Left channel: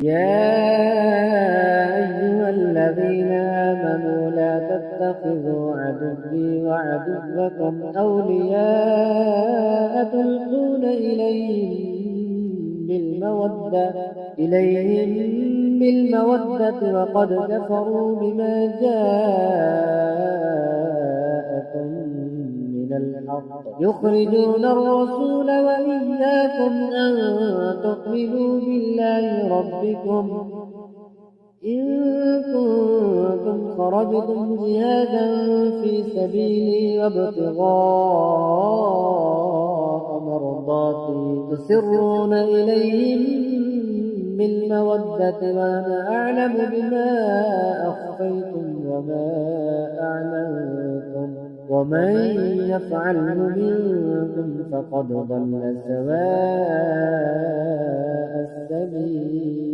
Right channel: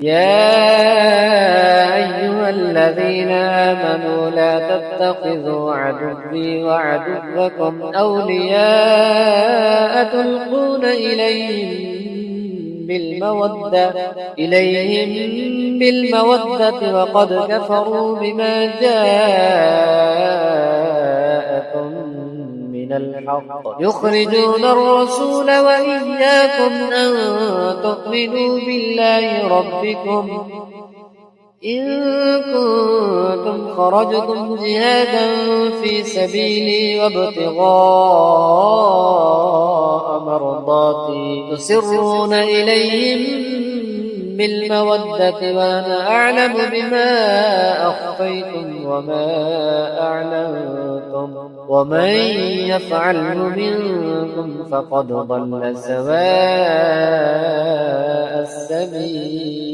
يا أيها الذين آمنوا لا تتخذوا عدوي وعدوكم أولياء تلقون إليهم بالمودة وقد كفروا بما جاءكم من الحق يخرجون الرسول وإياكم أن تؤمنوا بالله ربكم إن كنتم خرجتم جهادا في سبيلي وابتغاء مرضاتي تسرون إليهم بالمودة وأنا أعلم بما أخفيتم وما أعلنتم ومن يفعله منكم فقد ضل سواء السبيل.